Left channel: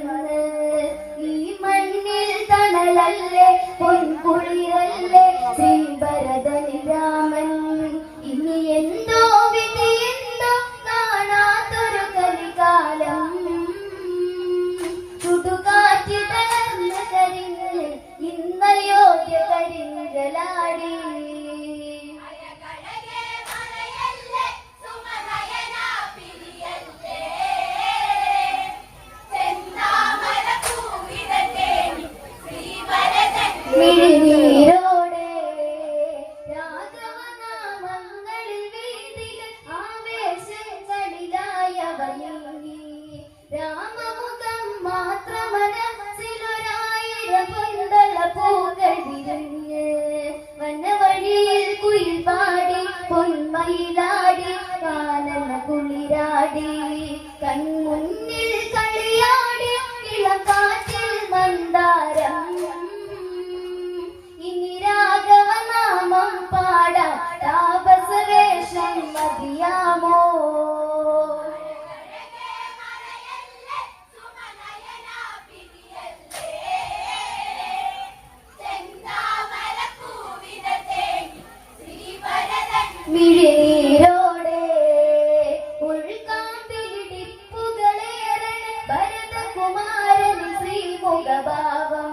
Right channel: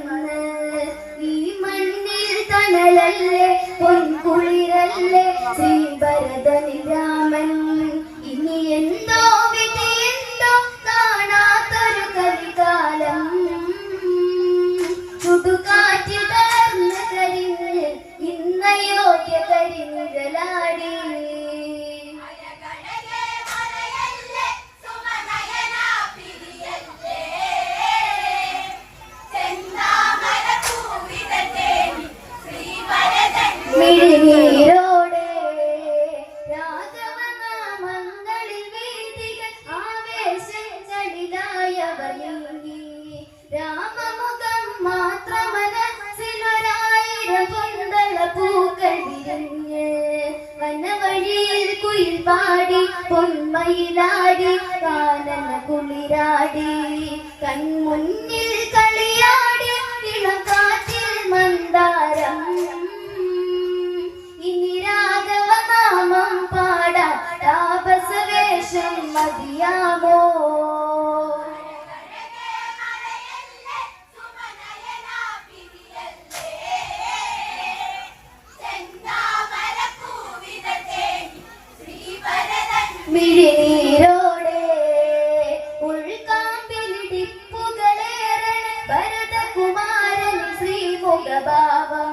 വന്ന് ഈ മണ്ണിൽ തണലല്ലേ പൊൻകുളിരല്ലേ ശ്രീഭരതനി രാമൻ ഇനി എന്തോ വിധി എന്തോ കാണാത്തൊരു കലികാലം ചുടുകാറ്റിൽ തളർന്ന് കരിഞ്ഞ് ഇന്നയോഗ്യ കരിനിഴലാടി മിഴിനീരോടെ രാഘവനാമങ്ങളിൽ വീതികൾ ആവേശങ്ങളിലായവനീ രാമമുഖം മാത്രമനസ്സിലൊരായിരം കൊണ്ടുള്ള പൂക്കൾ വിരിഞ്ഞ് വനവഴിയിൽ കുയിൽ പാടി പൊന്മയിലാടി കാനന കുളിരാടി കൺമുന്നിൽ കളിയാടി ഇളം കാറ്റിൽ മന്ദാരം ഇനി രാഘവനാമം പാടാൻ താപസവേഷം മതിയാമോ മിഴിനീരോടെ ഉൾക്കാമ്പിലിടിപ്പുകളേറെ ഭരതകുമാരൻ ശ്രീമുഖഭാവം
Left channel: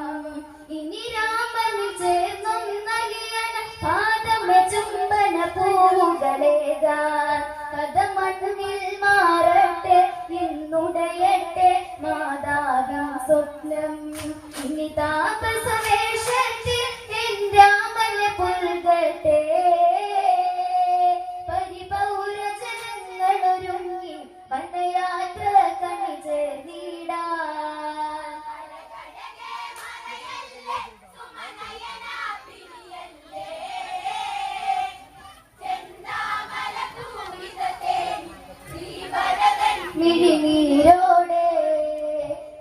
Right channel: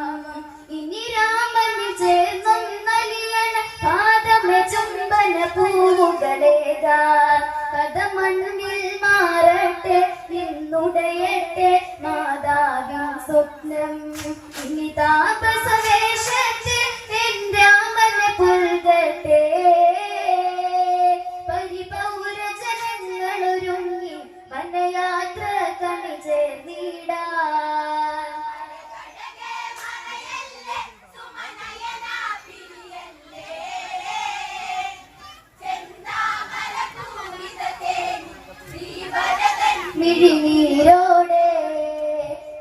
ഇനി രാമന് ചേർന്നൊന്നലിയണ പാദമ ചുംബന പൂവുകളേകാൻ കഥ മണ്ണിൽ മാറട്ടെ ഇന്നുടയട്ടെ മാതാവിൻ സ്വപ്നം ഇനി താപസവേഷത്തിൽ എൻ രാമനെ പുൽകട്ടെ പരിപൗരജനങ്ങളൊരുങ്ങി വനയാത്ര കണി ചേർന്നിടാൻ മിഴിനീരോടെ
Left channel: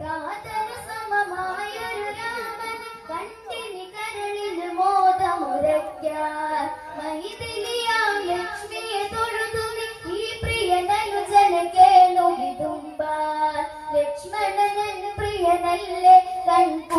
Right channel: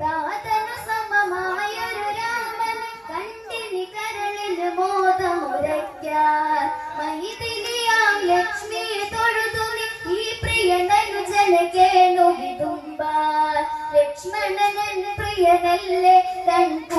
താതനു സമമായൊരു രാമൻ കണ്ടിനി കരളിന് മോദമുരയ്ക്കാൻ മൈഥിലിയാം ലക്ഷ്മിയെ തൊഴുതുനി ഈ പ്രിയനനുജനെ കേണു വിതുമ്പാൻ ലക്ഷ്മണൻ പ്രിയനല്ലേ കണ്ട